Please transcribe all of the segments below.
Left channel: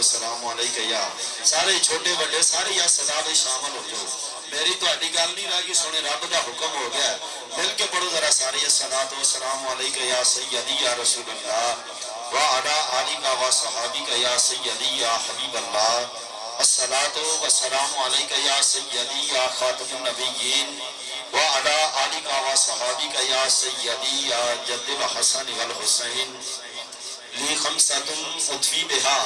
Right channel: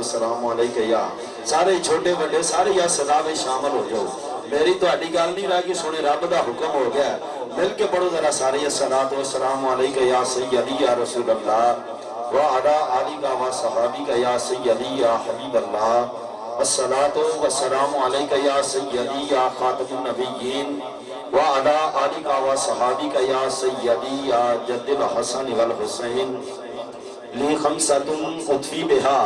السلام علیکم یا سارے چھوٹے بڑے سارے یا صدا میں شامل ہو جاؤ. میری تو اڈی گل نہیں رہ گئی سونے رب دا حکم ہو گیا. مل کے پڑھو ذرا سارے الصلاۃ والسلام علیکم یا سیدی یا رسول اللہ وعلی آلک و صحابک یا سیدی یا حبیب اللہ. الصلاۃ والسلام علیکم یا سیدی یا خاتم النبیین وعلی آلک و صحابک یا سیدی یا جد الحسن والحسین. لی خمسۃ اطفی بہا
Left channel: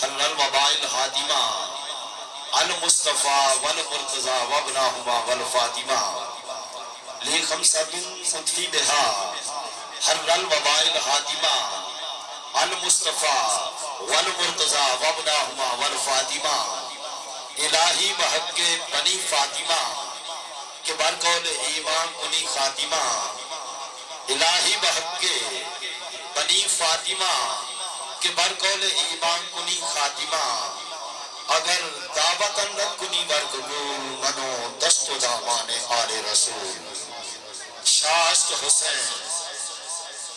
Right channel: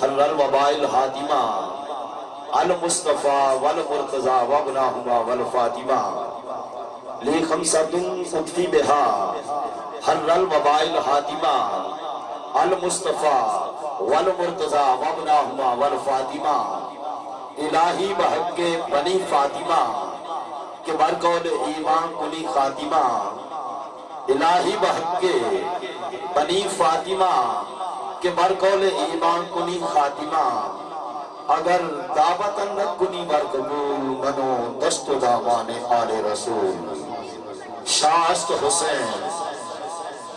حر الوباء الحاتمہ المصطفیٰ والمرتضیٰ وابناہما والفاطمہ. لی خمسۃ اطفی بہا حر الوباء الحاتمہ المصطفیٰ والمرتضیٰ وابناہما والفاطمہ. الہی بحق بنی فاطمہ کہ برقول ایمان کنی خاتمہ. الہی بحق بنی فاطمہ کہ برقول ایمان کنی خاتمہ. اگر دعوتاً کنی برقبول منو دست دامان آل رسول. شاست حسین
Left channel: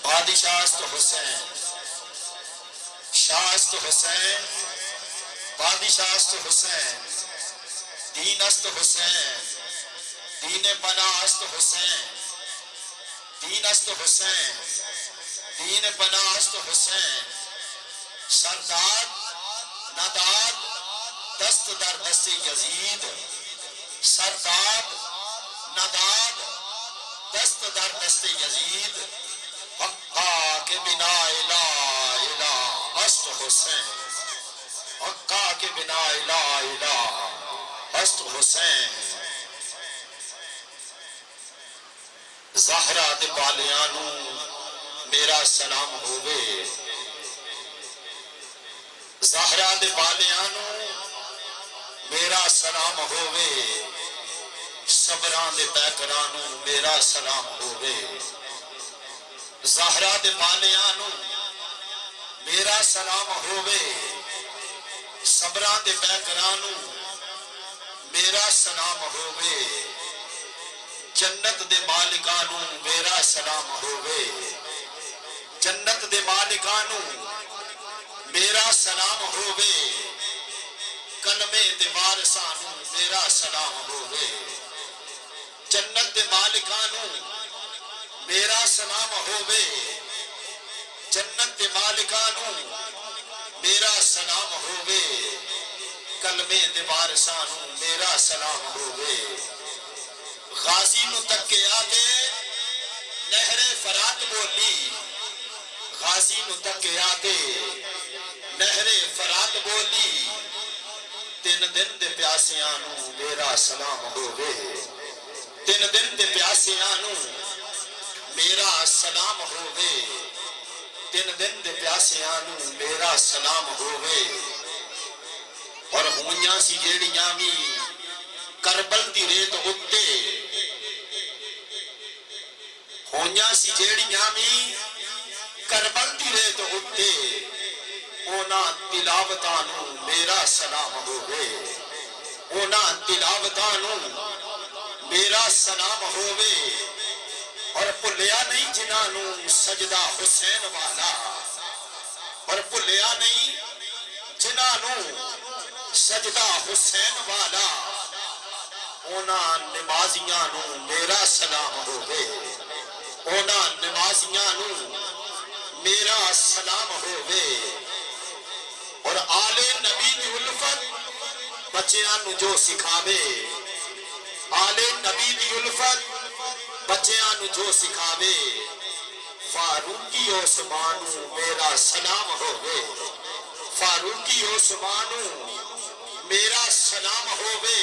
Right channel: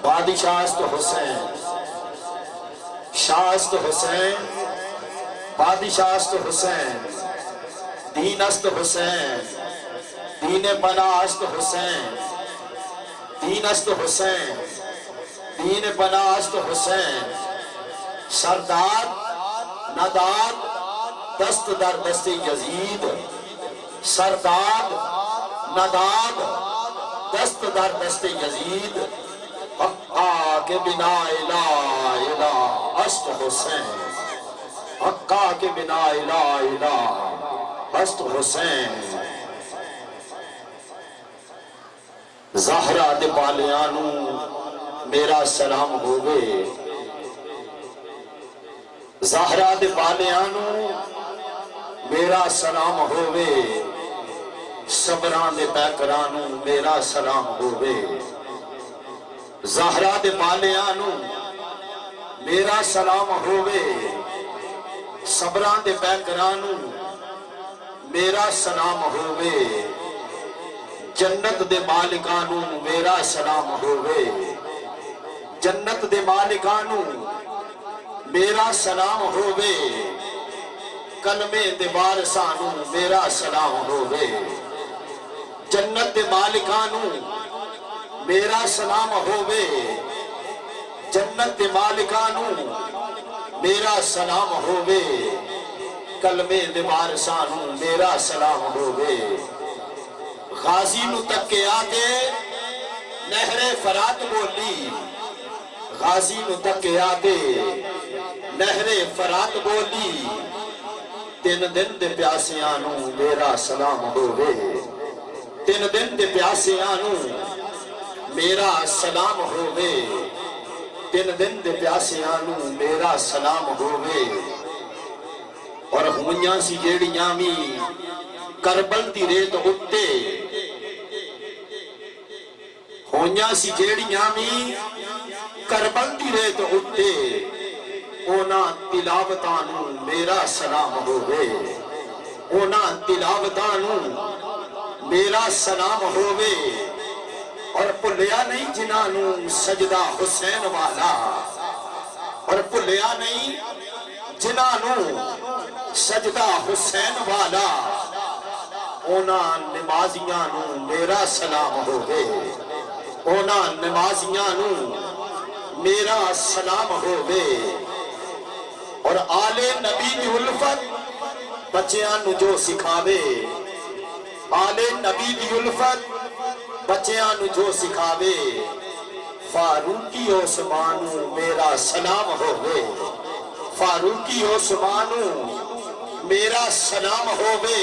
بادشاست حسین شاست حسین بادشاست حسین. دین است حسین دین پناست حسین. دین است حسین دین پناست حسین. سرداد نداد دست در دست یزید. سرداد نداد دست در دست یزید. حقا کے بنا الہ الہ است حسین. حقا کے بنا الہ الہ است حسین. زہرہ دے بالیانو میرا سلام ہوئے. زہرہ دے بالیانو میرا سلام ہوئے. صبران دے پیکرانو میرا سلام ہوئے. زہرہ دے بالیانو میرا سلام ہوئے. صبران دے پیکرانو میرا سلام ہوئے. جنت دے مالکانو میرا سلام ہوئے. جنت دے مالکانو میرا سلام ہوئے. کلمے دے وارثانو میرا سلام ہوئے. جنت دے مالکانو میرا سلام ہوئے. جنت دے مالکانو میرا سلام ہوئے. کلمے دے وارثانو میرا سلام ہوئے. غازی نو تکے آگے نہر فرات بولی. غازی نو تکے آگے نہر فرات بولی. تین دن دے پیاسیانو میرا سلام ہوئے. تین دن دے پیاسیانو میرا سلام ہوئے. تین دن دے پیاسیانو میرا سلام ہوئے. اور ہونیاں سی جیڑیاں می کربل دی ریت اتے. ہونیاں سی جیڑیاں می کربل دی ریت اتے. اونا تلاوتانو میرا سلام ہوئے. اونا تلاوتانو میرا سلام ہوئے. اور پلیا نہیں جنانو سجدہ حسین والا. اور پلیا نہیں جنانو سجدہ حسین والا. اونا نمازیانو میرا سلام ہوئے. اونا نمازیانو میرا سلام ہوئے. اور آل نبی دی الفت بچیاں جو سکھاوے. آل نبی دی الفت بچیاں جو سکھاوے. فاروقی عثمانو میرا سلام ہوئے. فاروقی عثمانو میرا سلام ہوئے.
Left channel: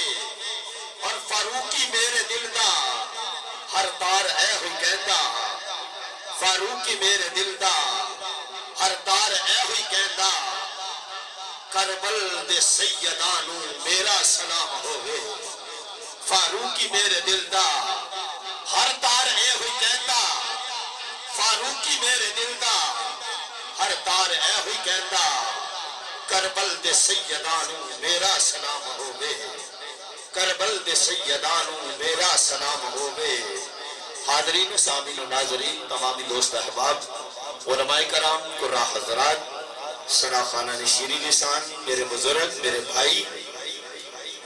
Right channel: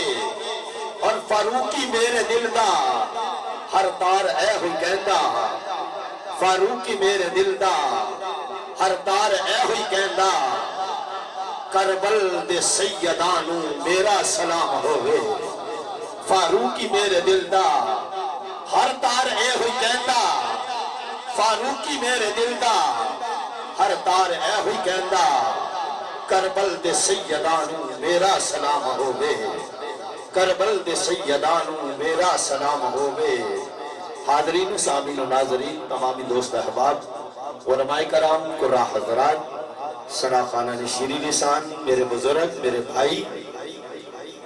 اور فاروقی میرے دل دا ہر تار اے ہوئی کہندا. فاروقی میرے دل دا ہر تار اے ہوئی کہندا. کربل دے سیدانو میرا سلام ہوئے. فاروقی میرے دل دا ہر تار اے ہوئی کہندا. فاروقی میرے دل دا ہر تار اے ہوئی کہندا. کربل دے سیدانو میرا سلام ہوئے. کربل دے سیدانو میرا سلام ہوئے. حاضرین سامعین و ناظرین تمامی دوست احباب علماء کرام قراء حضرات सना खाना ने शीरी लिसान, मेरे बुजुर्ग, मेरे भाई,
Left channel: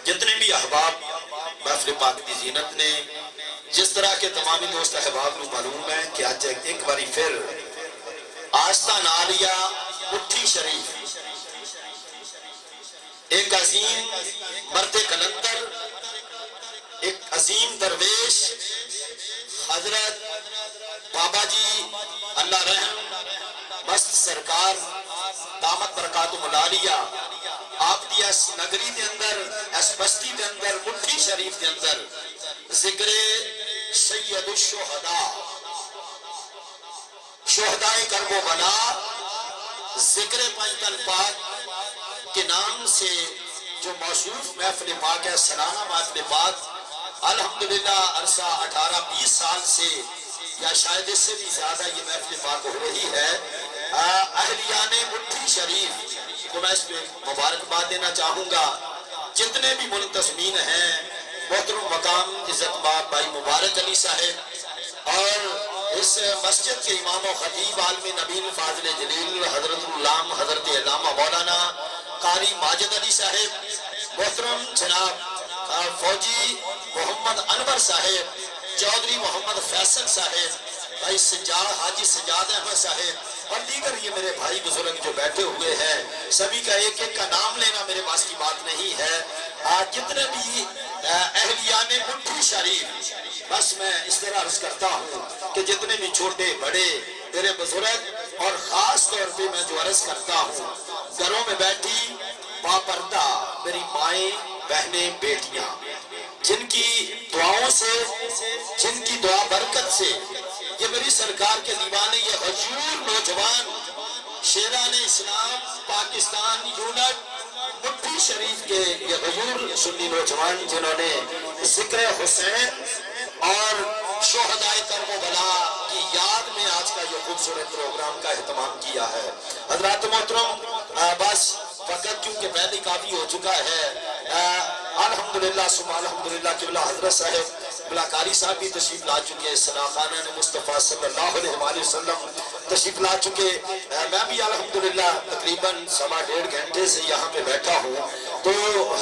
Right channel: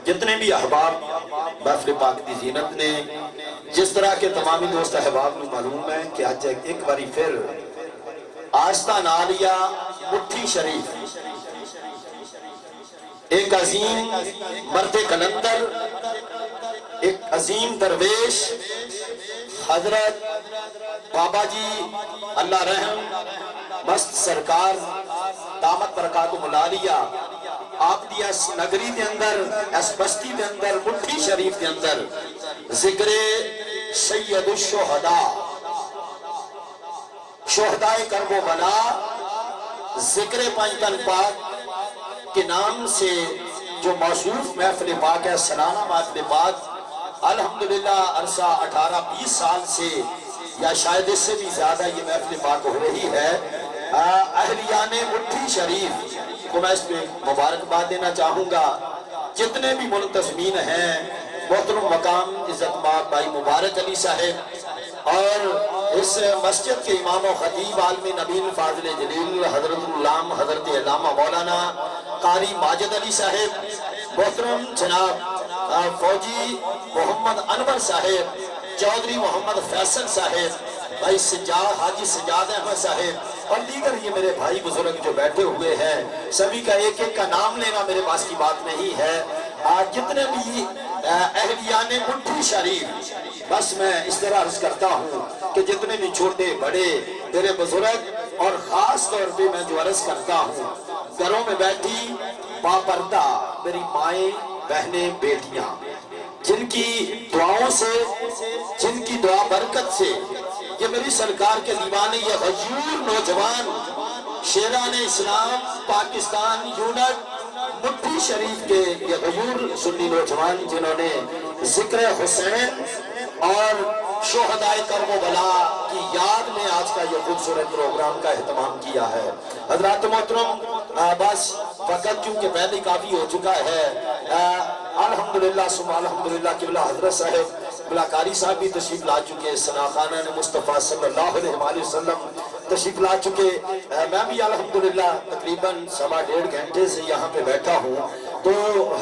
जितने भी अहबाब महफिल पाक की जीनत ने, जिस तरह के तमामी दोस्त अहबाब को मालूम है कि आज एक बारी फिर आस्था नालिया मुट्ठी शरीफ एक अजीम मर्द कलंदर, एक अजीम दरवेश हजरत बाबा जी अल्लाह रहम मस्त सरकार दामत बरकातु मुलालिया आप दिया नगरी के अंदर इस बस्ती के अंदर मुट्ठी शरीफ के अंदर जिक्र सैयदुश शुहदा शुहदाए करबो बला जिक्र पंजतन पाक के नाम से जो मौसूफ महफिल पाक है, सलाना महफिल पाक अल्हम्दुलिल्लाह अरसा 18-20 साल से या शायद इससे भी ज्यादा ये महफिल पाक हो रही है। अहलियाने मुट्ठी शरीफ को मैं इस पे मुबारकबाद देना चाहूंगा। जितने भी मुल्तज़मीन हैं, मोहतरम मकाम इज्जतमाब भाई मुबारक अली साहब और इस मस्जिद के इमाम और खतीब आलम नबील फाजिल जलील हजरतुल्लाम हजरत अल्लामा मौलाना कारी माजिद अली साहब, मोहतरम जनाब फौजी मोहम्मद अनवर साहब, चौधरी मोहम्मद फैसल साहब, भाई सज्जाद हाजी सज्जाद अहमद साहब और दीगर ये मेरे भाई बुजुर्ग जो बैठे हुए हैं, सभी का एक एक का नाम लेना मेरे पास की बात नहीं है। आज जितने भी अहलियाने मुट्ठी शरीफ, बस मैं इस तरह अर्ज करता हूँ कि जितने भी छोटे बड़े मेरे बुजुर्ग और खास तौर पे मैं जो अर्ज करता हूँ, घरों में बैठी बापर्दा मेरी माएं बहनें बेटियां, जिनकी दुआओं से, जिनकी दुआ बरकत से ये मेरी सरकार के दीवाने, ये हजूर नौजवान शेराने इस्लाम पाकिस्तान यूनिट मुट्ठी शरीफ के ये हजूर सुन्नी नौजवान जिन्होंने जिक्र हुसैन और शोहदाए करबला की याद में आज का ये खूबसूरत प्रोग्राम का एहतमाम किया है। हजरात मोहतरम, बस वक़्त क्योंकि पहले काफी हो चुका है। अल्हम्दुलिल्लाह सुम्मा अल्हम्दुलिल्लाह किबला हजरत साहब कारी साहब भी तशरीफ ला चुके, सना खाना ने मुस्तफ़ा सल्लल्लाहु अलैहि वसल्लम तशरीफ ला चुके। मैं भी अल्हम्दुलिल्लाह तकरीबन 1.5 घंटे से यहाँ पे बैठा हूँ, तो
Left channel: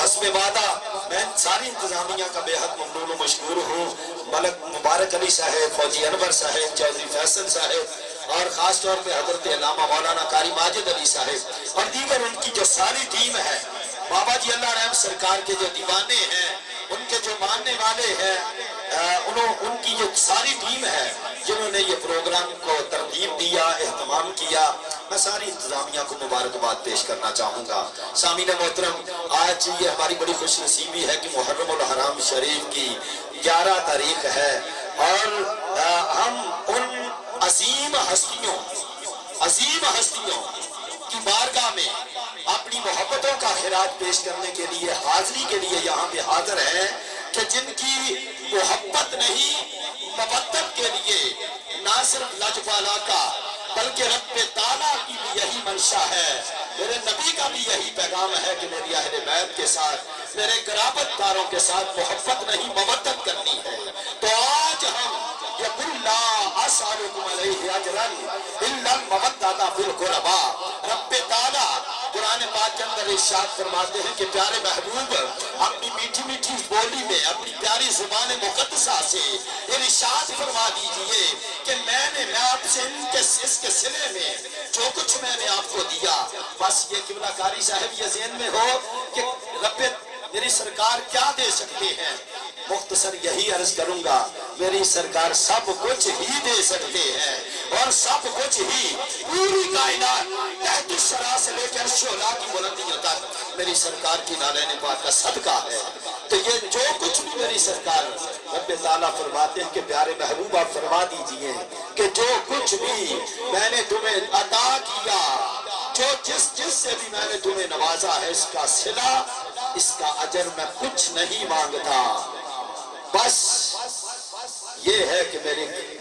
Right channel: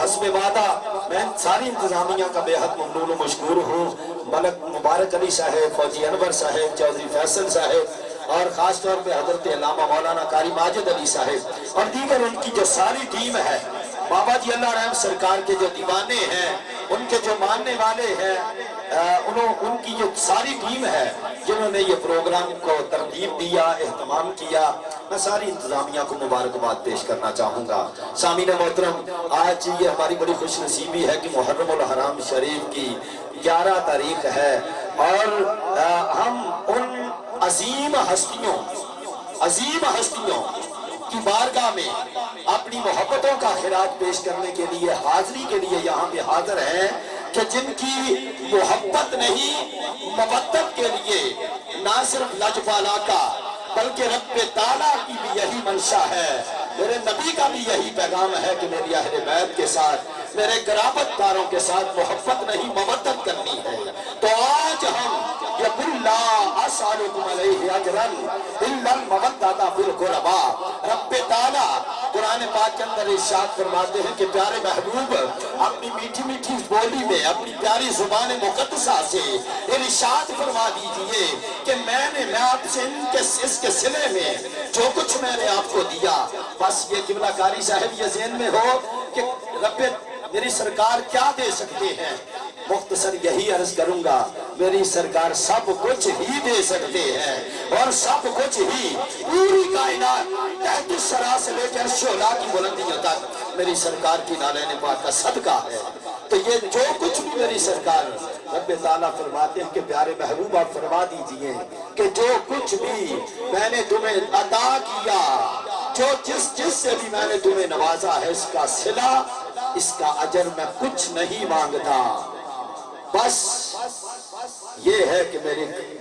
हस्बे वादा मैं सारी इंतजामिया का बेहद ममनून मशकूर हूँ। मलक मुबारक अली साहब, फौजी अनवर साहब, चौधरी फैसल साहब और खास तौर पे हजरत अल्लामा मौलाना कारी माजिद अली साहब और दीगर उनकी जो सारी टीम है, बाबा जी अल्लाह रहम सरकार के जो दीवाने हैं, उनके जो मानने वाले हैं, उनकी जो सारी टीम है जिन्होंने ये प्रोग्राम को तरतीब दिया, एहतमाम किया, मैं सारी इंतजामिया को मुबारकबाद पेश करना चाहूँगा। सामीन मोहतरम, आज ये हमारी बड़ी खुशनसीबी है कि मुहर्रम उल हराम शरीफ की 11 तारीख है और हम उन अजीम हस्तियों की बारगाह में अपनी मोहब्बतों का खिराज पेश करने के लिए, हाजिरी के लिए यहाँ पे हाजिर हैं कि जिनकी मोहब्बत नहीं मवद्दत के लिए ना सिर्फ लजपाला का बल्कि रब्बे ताला की भी यही मंशा है, मेरे नबी का भी यही पैगाम है कि मेरी अहले बैत के साथ, मेरे क़राबतदारों के साथ मोहब्बत नहीं मवद्दत करनी है। तो आज हम यकुल्ला असअलुकुम अलैहि अजरन इल्लल मवद्दता फिल क़ुरबा, रब्बे ताला कुरान पाक के अंदर इरशाद फरमाते हैं कि प्यारे महबूब अपनी मीठी मीठी बोली में, अपनी प्यारी जुबान मुक़द्दसा से इरशाद फरमा दीजिए कि मैं आपसे इसके सिले में जो कुछ मैंने आपको दिया, बस ये किबला कारी साहब ये ज़हन में हो कि रब्बे मेरी सरकार क्या दे सकते हैं। मुख्तसर यही अर्ज करूंगा, मेरी सरकार सब कुछ ही दे सकते हैं और सब कुछ ही पूरी कायनात तहत सरा से लेकर शोला की बुलंदियों तक मेरी सरकार की नालैन पाक का सदका है। तो ये जो कुछ भी मेरी सरकार, रब्बे ताला फरमाते हैं कि प्यारे महबूब आप फरमा दीजिए कि जो कुछ भी मैंने तुम्हें अता किया, जो जिस से भी मैंने तुम्हें नवाजा है, इसका सिला, इसका अजर मैं कुछ नहीं मांगता, बस ये है कि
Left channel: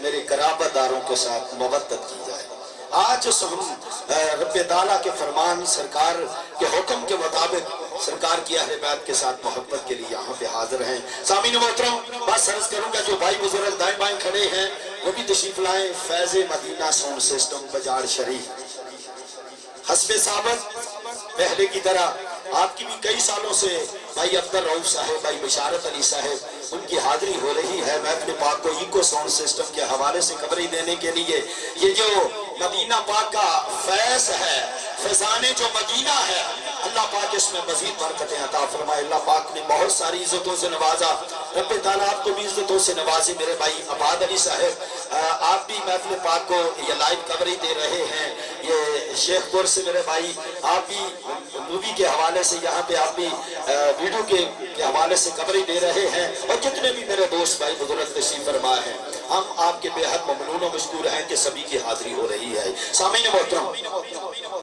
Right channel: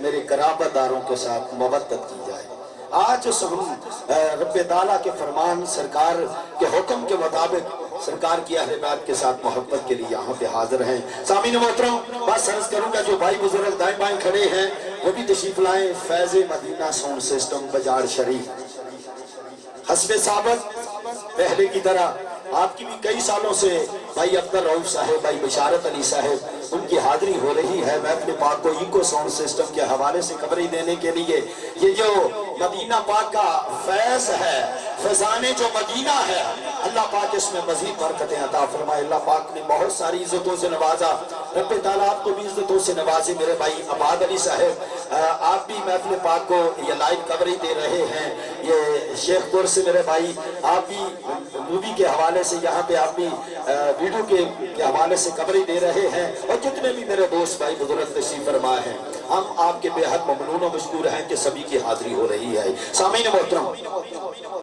मेरे कराबतदारों के साथ मवद्दत की जाए। आज हम रब्बे ताला के फरमान, सरकार के हुक्म के मुताबिक सरकार की अहले बैत के साथ मोहब्बत के लिए यहाँ पे हाजिर हैं। सामीन मोहतरम, बस अर्ज करूंगा जो भाई बुजुर्ग दाएं बाएं खड़े हैं वो भी तशरीफ लाएं। फैज़ मदीना साउंड सिस्टम बाजार शरीफ, हस्बे साबत पहले की तरह आपकी भी कई सालों से भाई अब्दुल रऊफ साहब, भाई बशारत अली साहब, उनकी हाजिरी हो रही है महफिल पाक को इको साउंड सिस्टम के हवाले से खबरें देने के लिए। ये जो मदीना पाक का फैज़ है, फैज़ाने जो मदीना है, अल्लाह पाक इसमें मजीद बरकतें अता फरमाए। अल्लाह पाक ने बहुत सारी इज्जतों से नवाजा, रब्बे ताला आपको भी इज्जतों से नवाजे। मेरे भाई आबाद अली साहब, आप भी महफिल पाक को ये लाइव कवरेज दे रहे हैं। ये शेखपुर से मेरे भाई आप भी मूवी के हवाले से यहाँ पे आप भी वीडियो के हवाले से कवरेज दे रहे हैं, और जितने भी मेरे दोस्त भाई बुजुर्ग तशरीफ फरमा हैं, हम आपके बेहद ममनून और मशकूर हैं कि सभी की हाजिरी हो रही है। सामीन मोहतरम,